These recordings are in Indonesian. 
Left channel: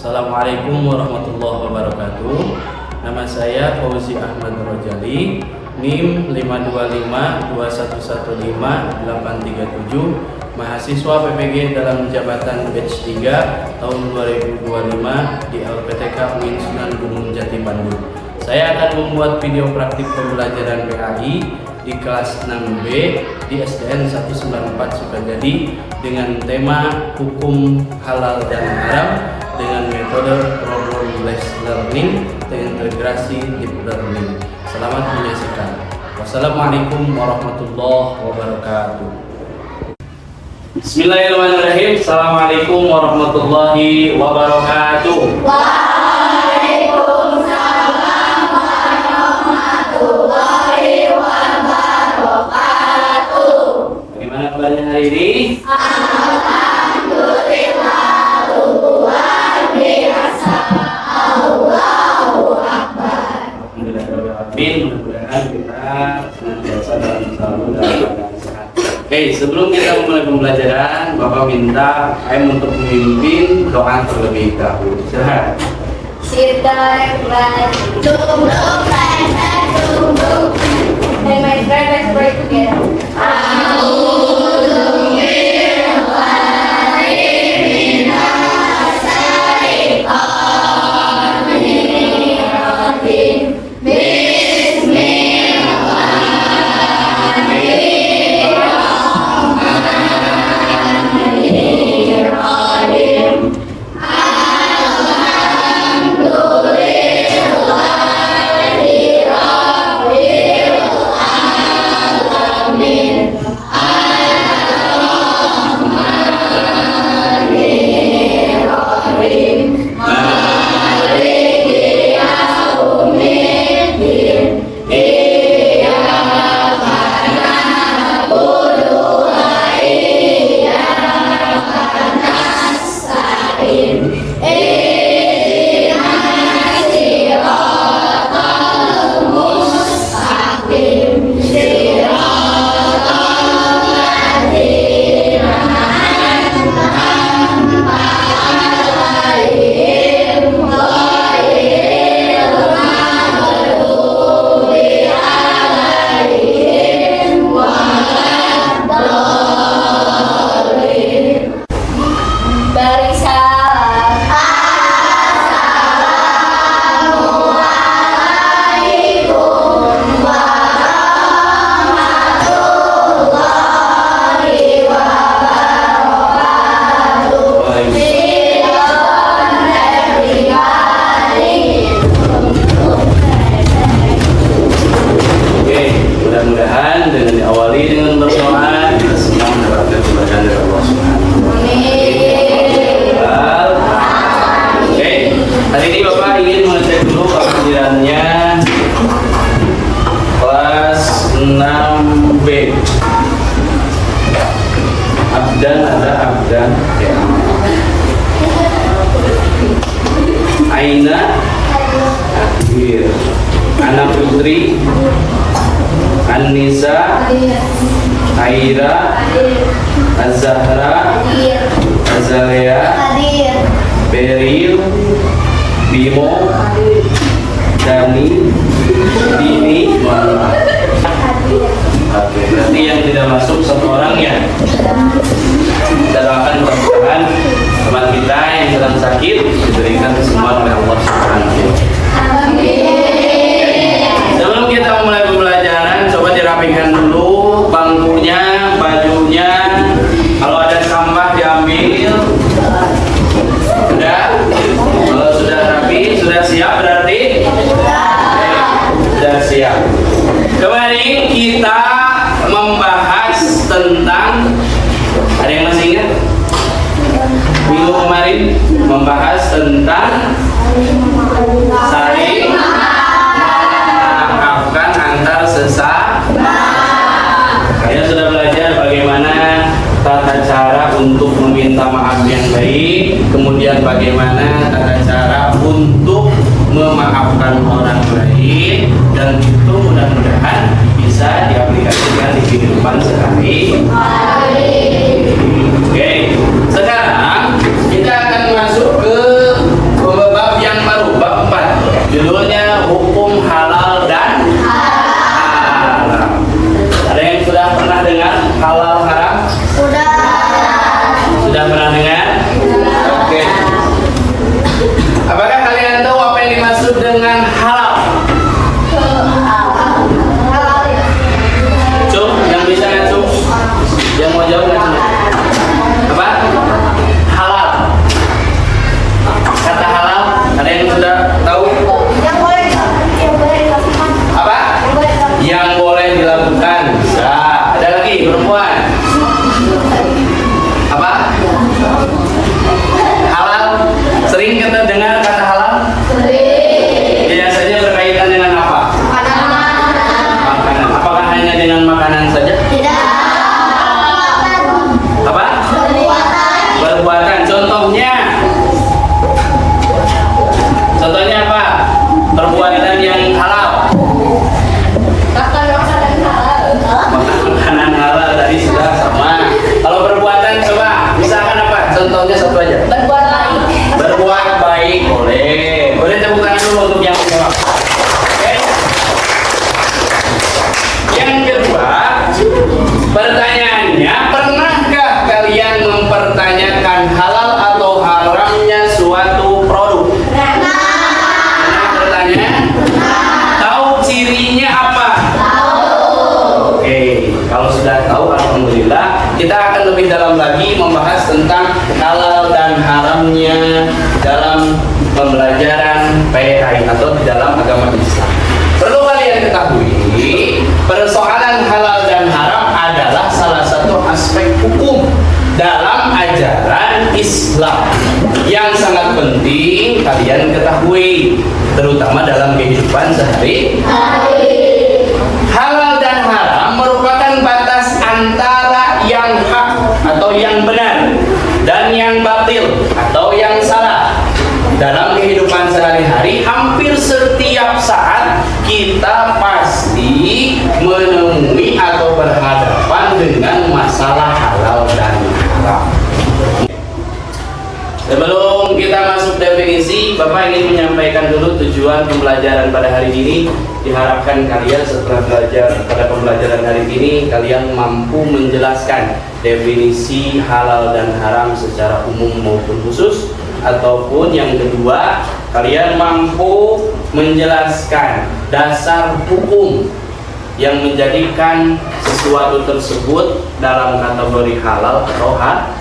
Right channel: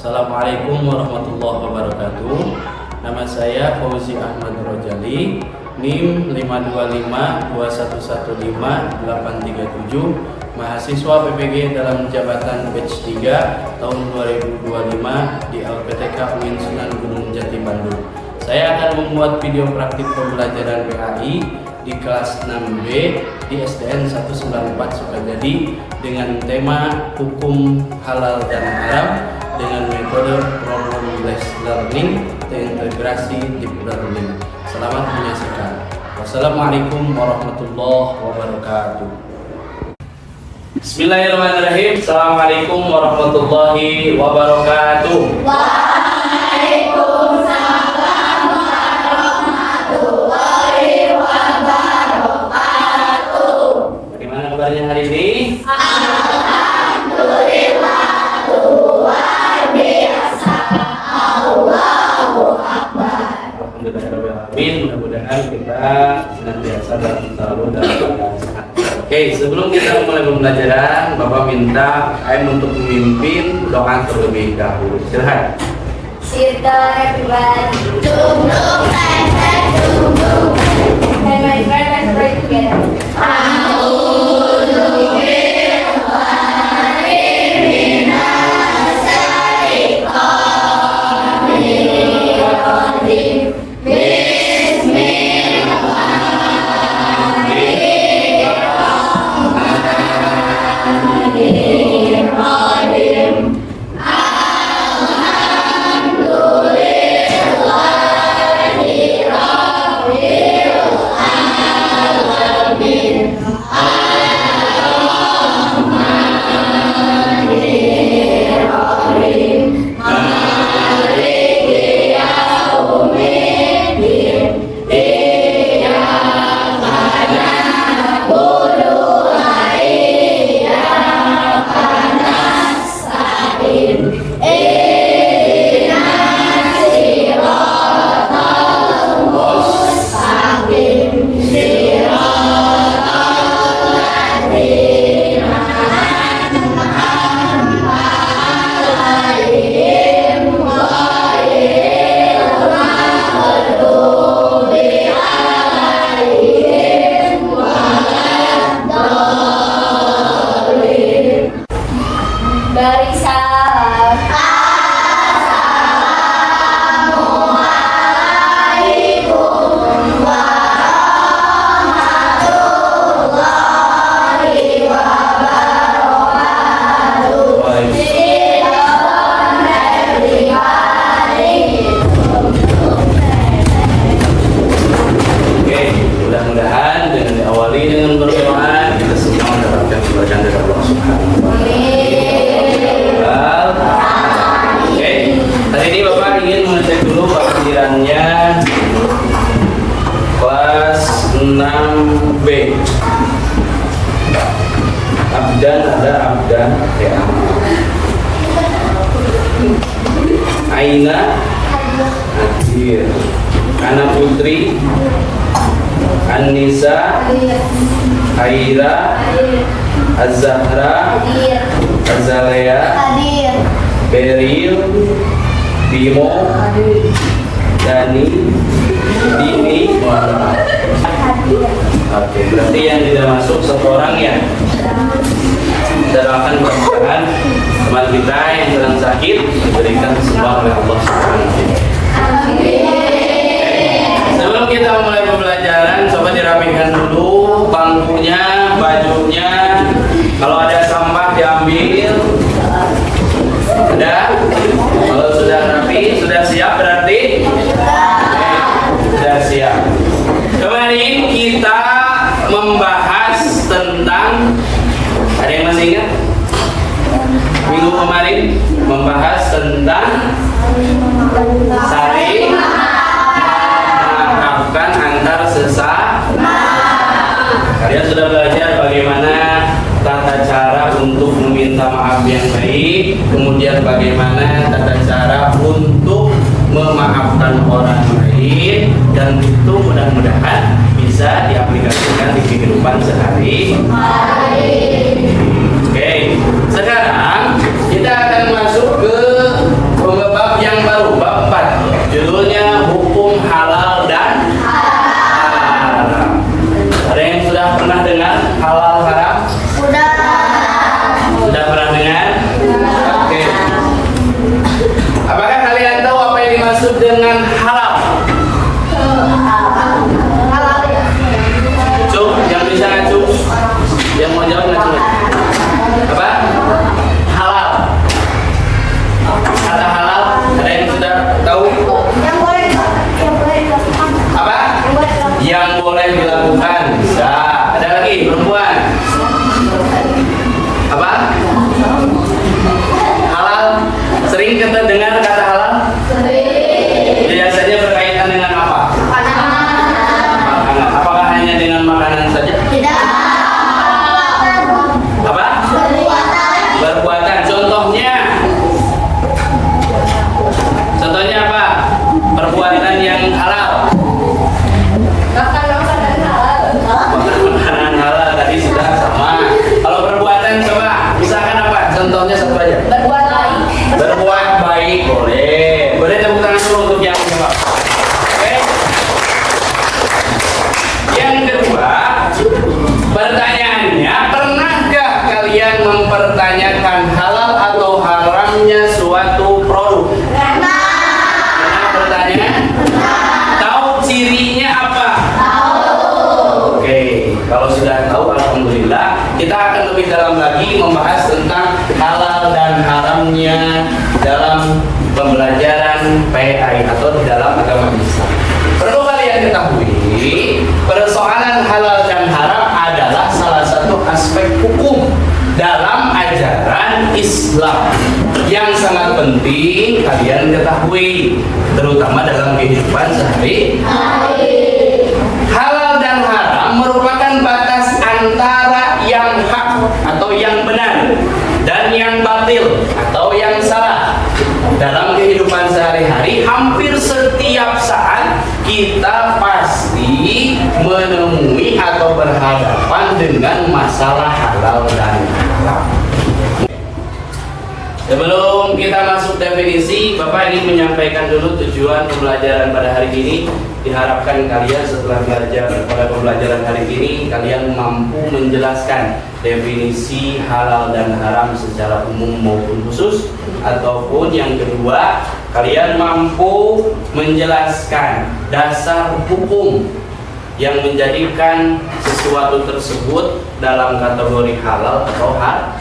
Assalamualaikum warahmatullahi wabarakatuh. Nama saya Fauzi Ahmad Rojali, NIM 5252115-837, mahasiswa PPG dalam jabatan batch 3 tahun 2025 di LPTK UIN Sunan Gunung Jati Bandung. Saya akan membuat video praktik pembelajaran BAI di kelas 6B di SDN 194 Sukajadi dengan tema hukum halal dan haram dengan metode problem-based learning terintegrasi deep learning. Selamat menyaksikan. Wassalamualaikum warahmatullahi wabarakatuh. Bismillahirrahmanirrahim. Assalamualaikum warahmatullahi wabarakatuh. Waalaikumsalam warahmatullahi wabarakatuh. Bagaimana kabarnya hari ini? Alhamdulillah, luar biasa. Allahu Akbar. Mudah-mudahan kita senantiasa dan selalu dalam keadaan sehat. Oke, sebelum kita mulai pembelajaran, Bapak minta Aim untuk memimpin doa terlebih dahulu. Silakan. And my friend, let's pray together. Abdan ada abdan ya. Aina hadir. Anak putri An-Nisa Aira Az-Zahra Azalea Beril Bimo Dani Dini. Oke, berarti yang tidak masuk satu orang ya. Kita doakan mudah-mudahan teman kita yang sedang sakit diberikan kesembuhan oleh Allah Subhanahu wa taala. Sebelum kita mulai pembelajaran, coba dirapikan dulu bangkunya, bajunya. Kalau ada sampah diambil. Sudah? Kalau sudah rapi, sudah siap berarti? Sudah siap. Kemarin kita membahas tentang, ada yang masih ingat? Minggu kemarin membahas tentang saling memaafkan antar sesama. Kalian sudah belajar bagaimana tata cara untuk meminta maaf yang baik, kemudian bagaimana tata cara untuk memaafkan orang lain, dan itu mudah-mudahan bisa diaplikasikan di kehidupan sehari-hari. Oke, sekarang kita akan masuk ke Yang mau jawab nggak cuma? Apa? Halal. Kata halal, ada yang sudah tahu? Apa? Yang boleh dilakukan. Bisa. Ada lagi perempuan. Apa? Halal. Sering kita dengar kata halal? Biasanya berkaitan dengan apa? Makanan. Apakah hanya dengan makanan saja? Apa? Perbuatan. Contohnya apa? Perbuatan yang halal. Makanan halal tadi sudah sama. Kalau perbuatan coba, misalkan apa? Contohnya satu aja. Berbuat baik boleh. Boleh tepuk tangan dulu untuk yang kedua. Oke. Yang kedua, pertanyaannya, pernahkah kalian mempertanyakan halal atau haramnya suatu produk? Pernah bertanya? Tahu cirinya apa? Oke, kalau sudah tahu, alhamdulillah. Kita akan lebih dalam lagi membahas tentang halal dan haramnya dalam pembelajaran PAI atau di dalam agama Islam. Perlu kalian ketahui, persoalan halal dan haram adalah salah satu aspek hukum dalam ajaran Islam yang sangat penting kalian ketahui, terutama dalam kehidupan sehari-hari. Halal dan haram merupakan batas antara yang hak atau yang benar dan yang batil atau yang salah. Dalam kehidupan sehari-hari, hampir setiap saat kita pasti menemui atau berhadapan dengan masalah halal dan haram. Sebelum kita masuk definisi, Bapak ingin menyampaikan dulu tujuan pembelajaran pada hari ini. Diharapkan kalian setelah belajar pada pembelajaran hari ini, kalian mampu menjelaskan definisi halal dan haram secara umum maupun khusus. Ataupun yang kedua, kalian mampu menjelaskan dasar hukum yang menjadikan sesuatu tersebut dalam kategori halal atau haram.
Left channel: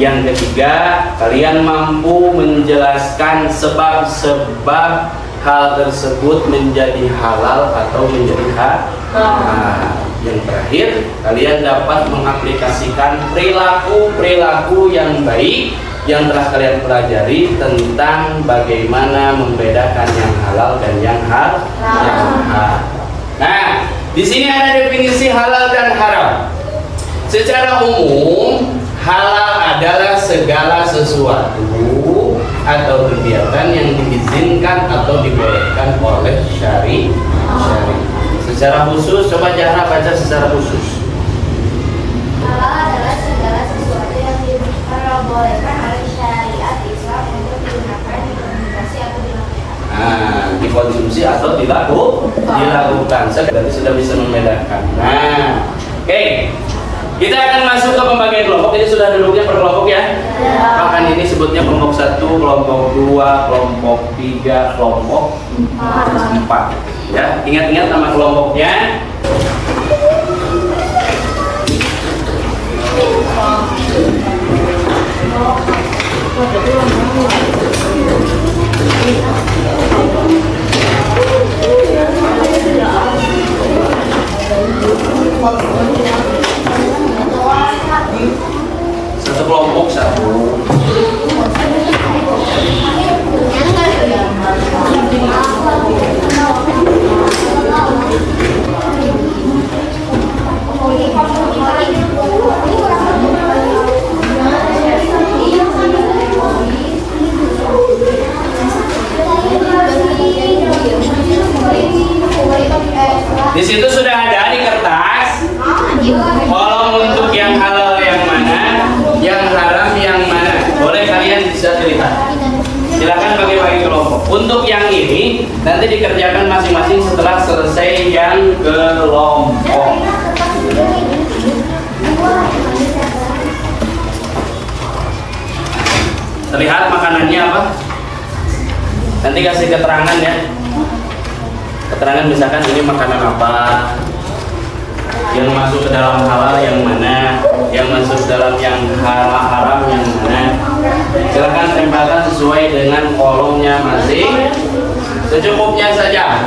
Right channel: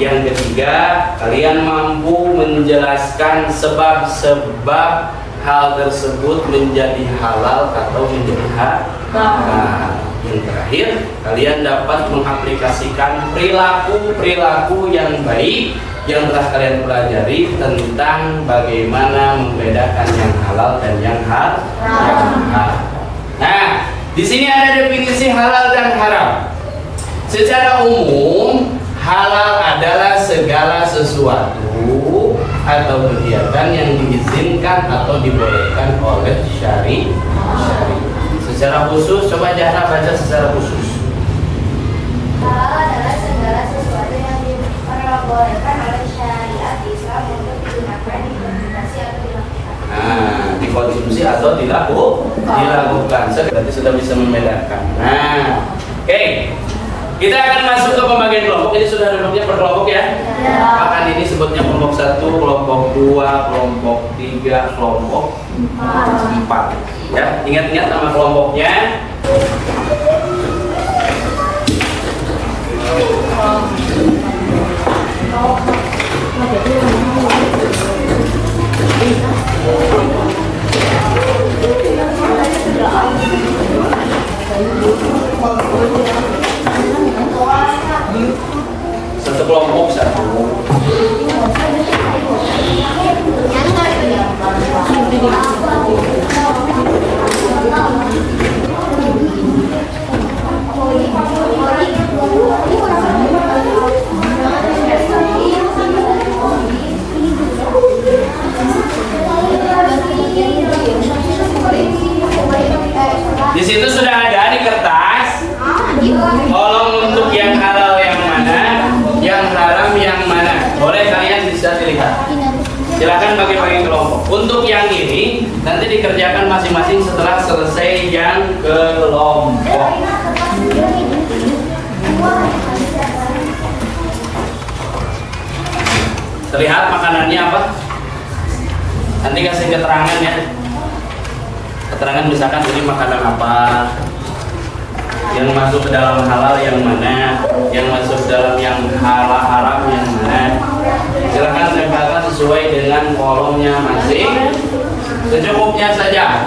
Yang ketiga, kalian mampu menjelaskan sebab-sebab hal tersebut menjadi halal atau menjadi haram. Yang terakhir, kalian dapat mengaplikasikan perilaku yang baik yang telah kalian pelajari tentang bagaimana membedakan yang halal dan yang haram. Nah, di sini ada definisi halal dan haram. Secara umum, halal adalah segala sesuatu atau kegiatan yang diizinkan atau dibolehkan oleh syari. Secara khusus, coba Jahra baca secara khusus. Halal adalah segala sesuatu yang diperbolehkan oleh syariat Islam untuk digunakan, dikonsumsi atau dilakukan. Nah, dikonsumsi atau dilakukan. Berarti sudah bisa membedakan. Nah, oke. Kita akan masuk ke pembagian kelompok. Ini sudah duduknya per kelompok ya. Akan ini sebutnya kelompok 1, kelompok 2, kelompok 3, kelompok 4. Ya, ingat-ingat nama kelompoknya. Satu kelompok 1. Di situ sudah ada di kertas kolom untuk yang halal yang mana, yang haram yang mana. Boleh kalian bisa cerita. Silakan bagi-bagi kelompok. Untuk yang ini nanti dikerjakan masing-masing setelah selesai yang kelompok. Terlihat makanannya apa? Nanti kasih keterangan ya. Keterangan misalkan ini makanan apa, yang masuk ke dalam halal yang mana. dalam yang haram yang mana? Silakan tempelkan sesuai dengan kolomnya masing. Secukupnya saja.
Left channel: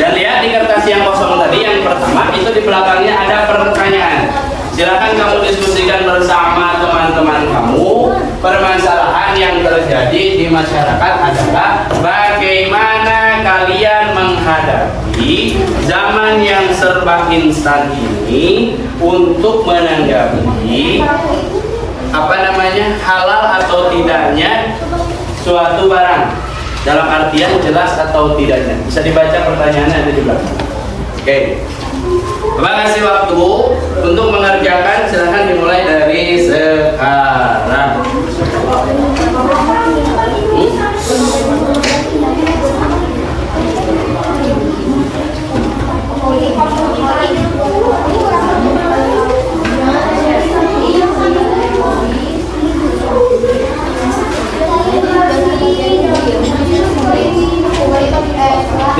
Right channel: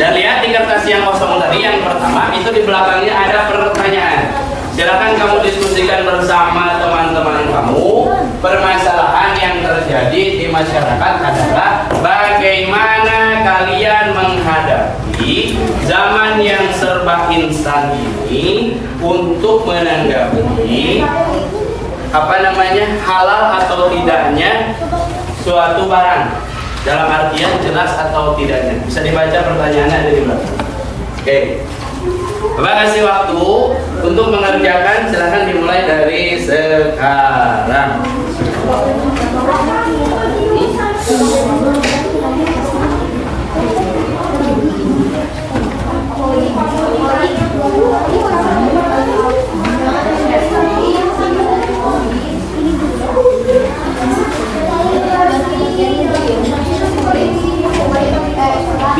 Dan lihat di kertas yang kosong tadi yang pertama itu di belakangnya ada pertanyaan. Silakan kamu diskusikan bersama teman-teman kamu. Permasalahan yang terjadi di masyarakat adalah bagaimana kalian menghadapi zaman yang serba instan ini untuk menanggapi halal atau tidaknya suatu barang, dalam artian jelas atau tidaknya. Bisa dibaca pertanyaannya ada di belakang. Oke. Terima kasih waktu untuk mengerjakan. Silahkan dimulai dari sekarang.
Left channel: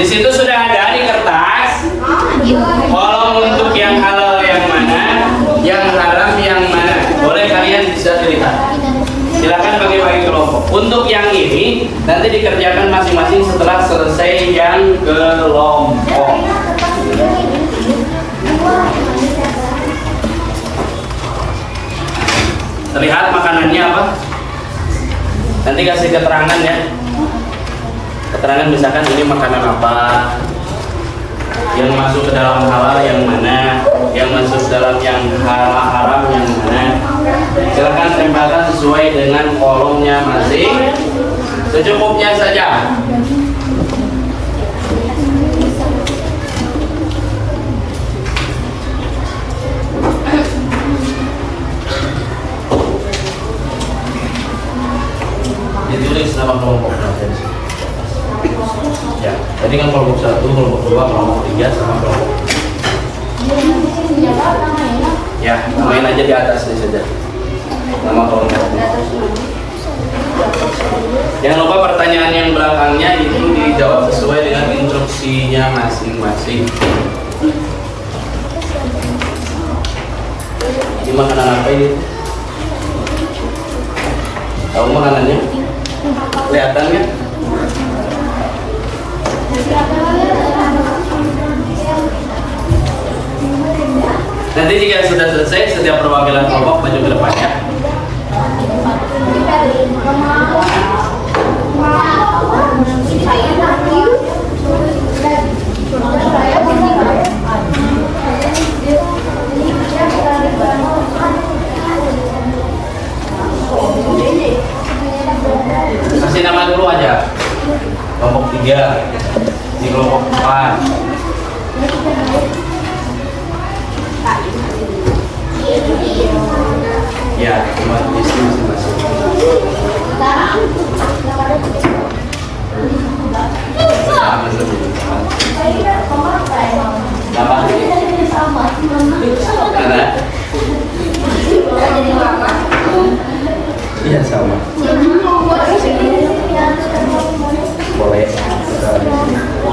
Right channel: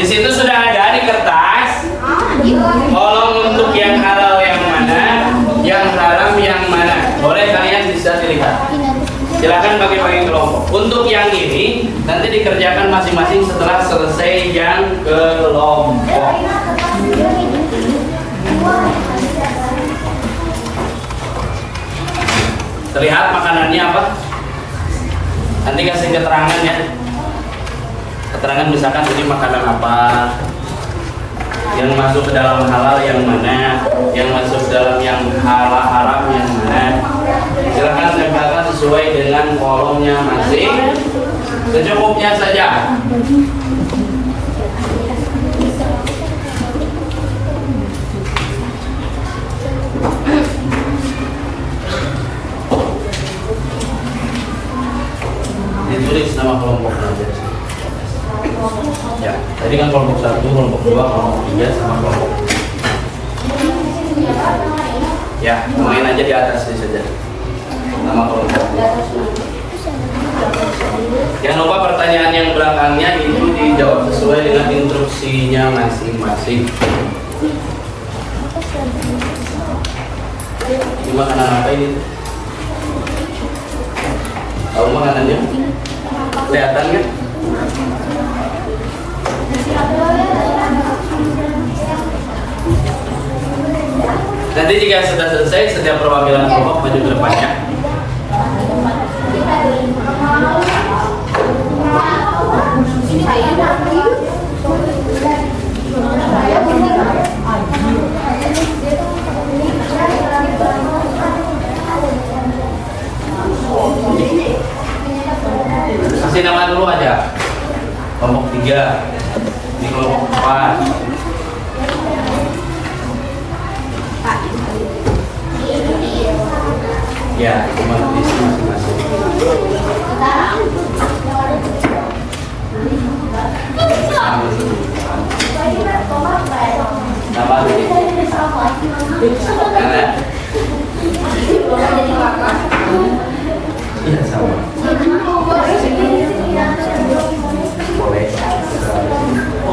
Di situ sudah ada di kertas kolom untuk yang halal yang mana, yang haram yang mana. Boleh kalian bisa lihat. Silakan bagi-bagi kelompok. Untuk yang ini nanti dikerjakan masing-masing setelah selesai yang kelompok. Terlihat makanannya apa? Nanti kasih keterangan ya. Keterangan misalkan ini makanan apa, yang masuk ke dalam halal yang mana, yang masuk dalam yang haram yang mana. Silakan tempelkan sesuai dengan kolomnya masing. Secukupnya saja. Ditulis nama kelompok nanti. Ya, tadi kan kelompok 1, kelompok 2, kelompok 3 sama kelompok. Ya, main aja di atasnya saja. Nama kelompok. Jangan lupa pertanyaan yang belakangnya itu dijawab sesuai dengan instruksinya masing-masing. Ini makanan apa ini? Tahu makanannya? Kelihatan kan? Nanti jika sudah selesai, setiap perwakilan kelompok maju ke depannya. Kasih nama dulu aja. Kelompok 3 di kelompok 4. Ya, cuma tulis masing-masing. Nama karena iya sama. Boleh.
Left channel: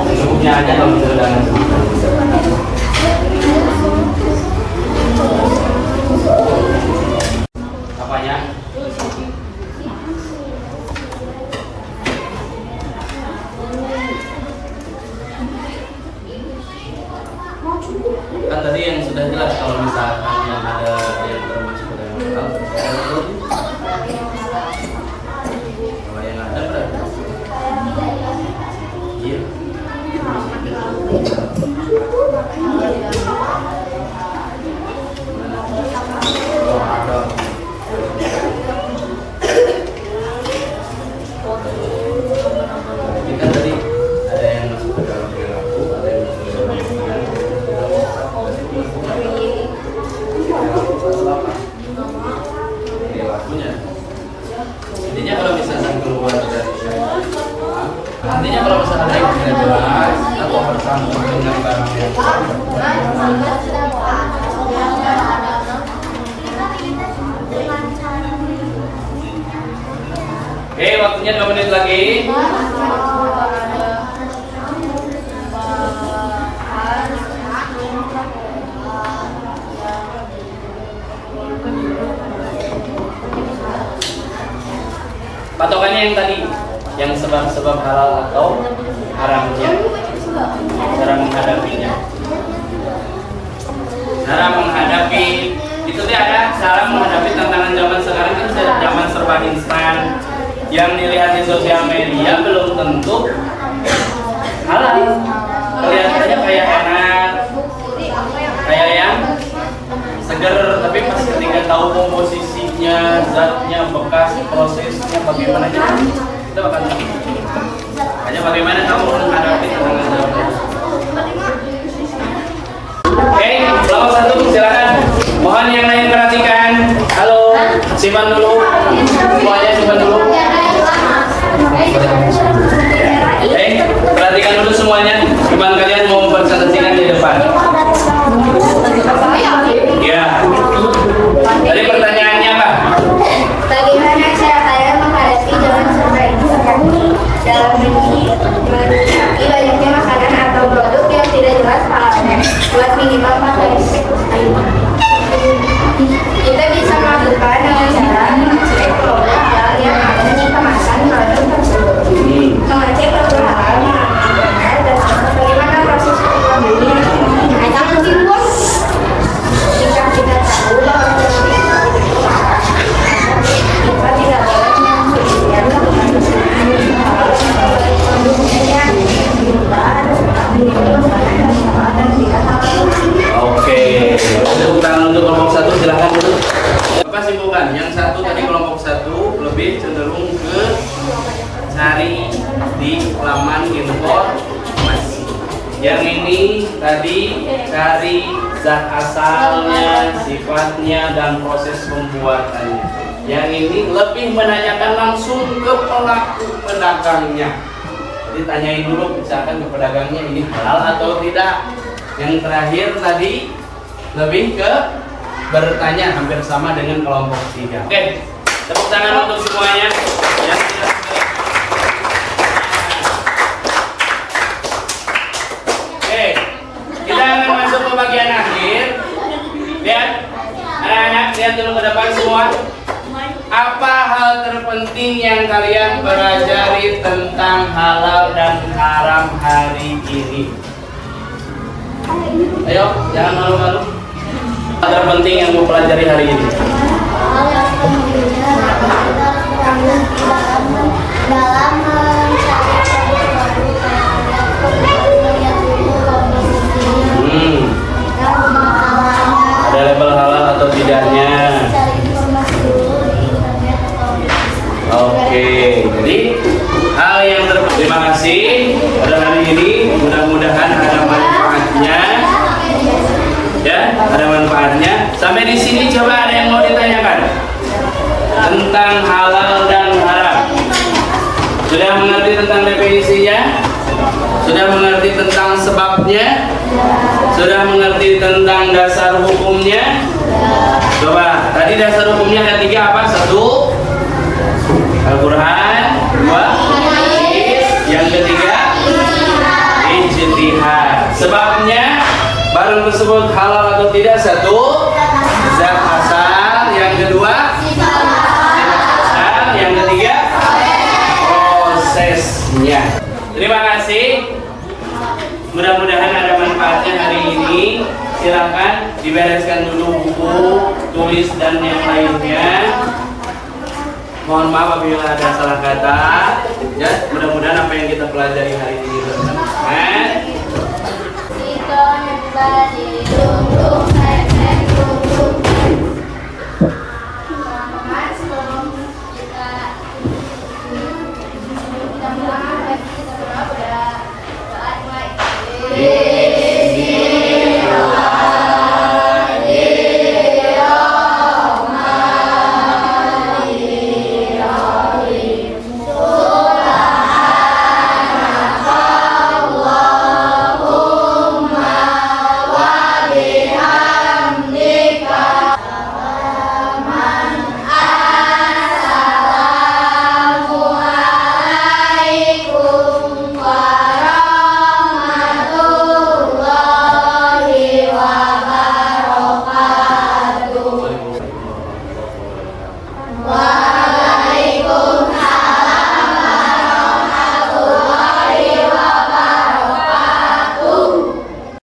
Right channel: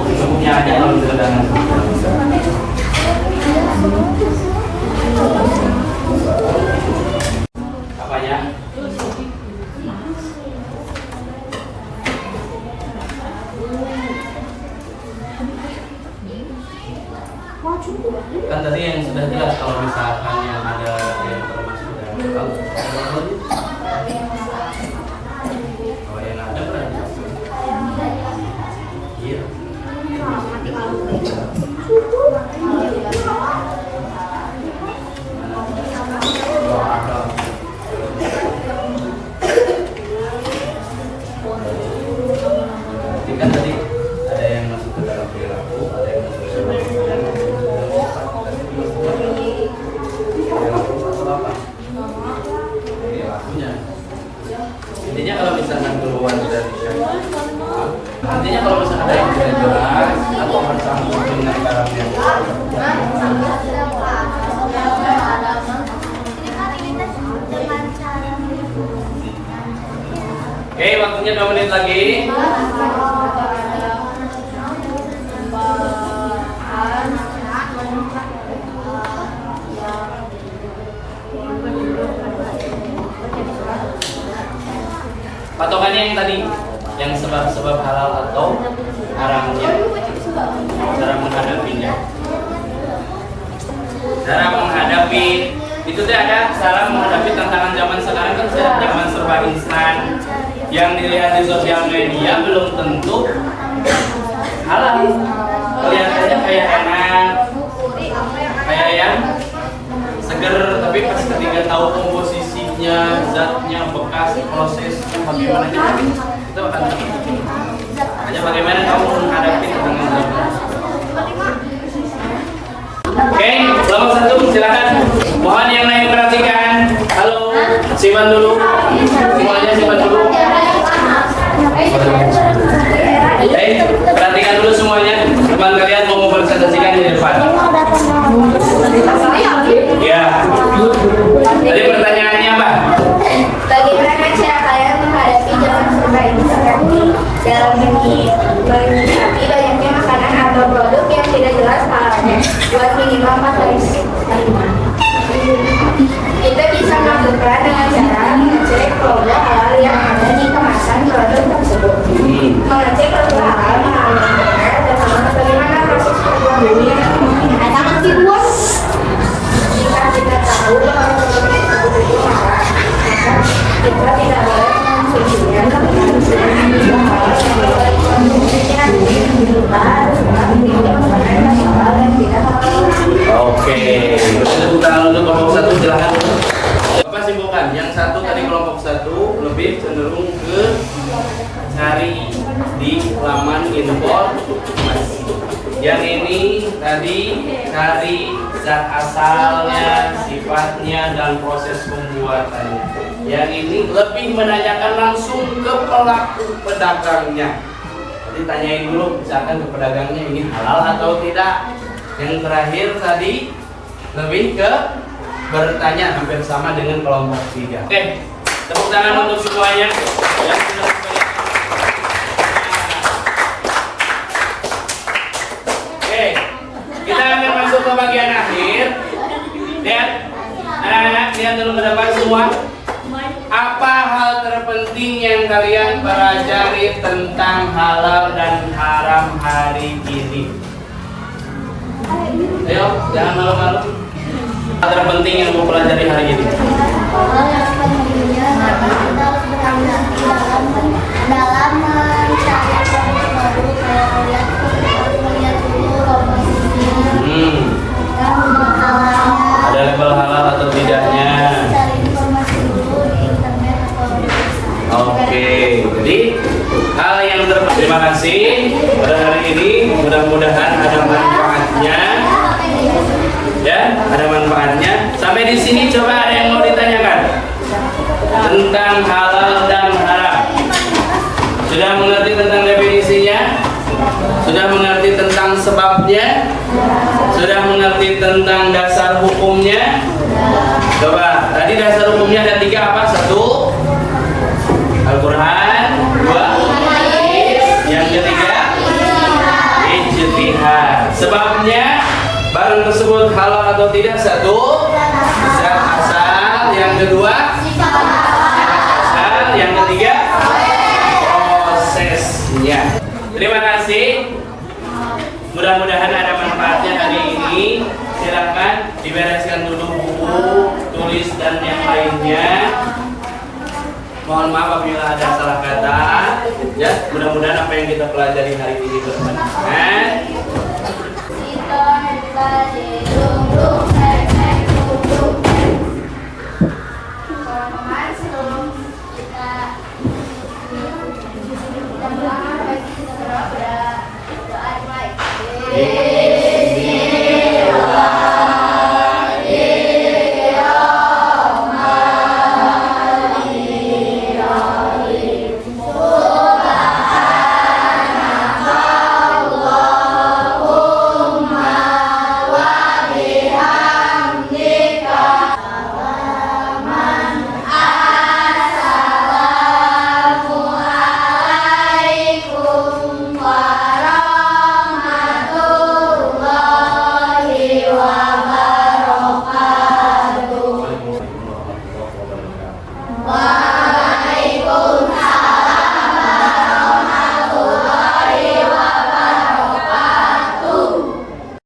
Cukupnya aja kalau dengan apanya? Kan tadi yang sudah jelas kalau misalkan yang ada yang termasuk yang legal. Kalau yang ada kan? Iya. Kan tadi ada yang masuk ke dalam perilaku, ada yang intinya kalau misalnya keluar dari artinya kalau misalnya ada yang tidak jelas atau bercampur dengan barang yang oke, waktunya 2 menit lagi. sebab halal atau haramnya. Cara menghadapinya. Cara menghadapi itu teh ada cara menghadapi tantangan zaman sekarang kan zaman serba instan. Yang dilihat di sosial media belum tentu halal. Kelihatannya kayak enak, kayak yang seger, tapi pas ketika tahu komposisinya, zatnya, bekas, prosesnya bagaimana, kita akan hanya bagaimana kamu menghadapi tantangan zaman. Oke, kelompok 1 silakan. Mohon yang lain perhatikan. Halo, simpan dulu. Semuanya simpan dulu. Perhatikan dulu semuanya. Gimana kalian mau presentasikan di depan? Ya. Tadi pertanyaannya apa? Bagaimana cara kalian menghadapi zaman serba instan dalam menyikapi banyaknya makanan atau produk yang tidak jelas halalnya buat minimal makanan kita bisa melakukan dengan cara mengecek produk halal yang ada di kemasan produk tersebut, mengecek produk halal yang benar dan bagaimana proses pembuatannya. Jika kita tahu bahwa produk tersebut itu halal, kita tidak boleh mengkonsumsinya karena harus Oke, tepuk tangan untuk kelompok 1 silahkan dulu. Apa simpulkan? Yang satu tadi kelompok 1 lebih cenderung ke cari di laman informasi. Yang ini tadi cari zat asalnya, sifatnya dan proses pembuatannya. Yang ini lebih menanyakan langsung ke pelaku pedagangnya. Jadi tanyain dulu misalkan ke pedagangnya ini halal atau tidak. Yang terakhir tadi lebih ke bertanya, hampir sama dengan kelompok 3. Oke, tepuk tangan untuk semuanya. Oke, kita akan masuk ke bagian akhir. Lihat, anak-anak lihat dulu ke depan semua. Apa hal terpenting yang kalian pelajari tentang halal dan haram hari ini? Ayo, jangan malu-malu. Hal terpenting yang mau pelajari hari ini. Ada label halal atau tidaknya. Oke, jadi hal yang terima kasih pada hari ini, mudah-mudahan ada manfaatnya. Ya, ada manfaatnya. Sampai di sini coba ada yang mau ditanyakan tentang halal dan haram. Sudah mengerti tentang definisinya? Sudah mengerti tentang sebabnya? Sudah mengerti tentang dasar hukumnya? Coba, tadi dasar hukumnya ada 3 apa? 1 Al-Quran, 2 yang ketiga ijtihad. Sebabnya barang tersebut halal atau tidak? 1 zat asal, yang kedua sifat asal, yang ketiga prosesnya. Terima kasih. Mudah-mudahan ada manfaatnya hari ini. Silakan dibereskan dulu buku, tulis dan yang lainnya. Mohon maaf apabila ada salah kata. Ya, mudah-mudahan apa yang kita pelajari hari ini bermanfaat. Yeah.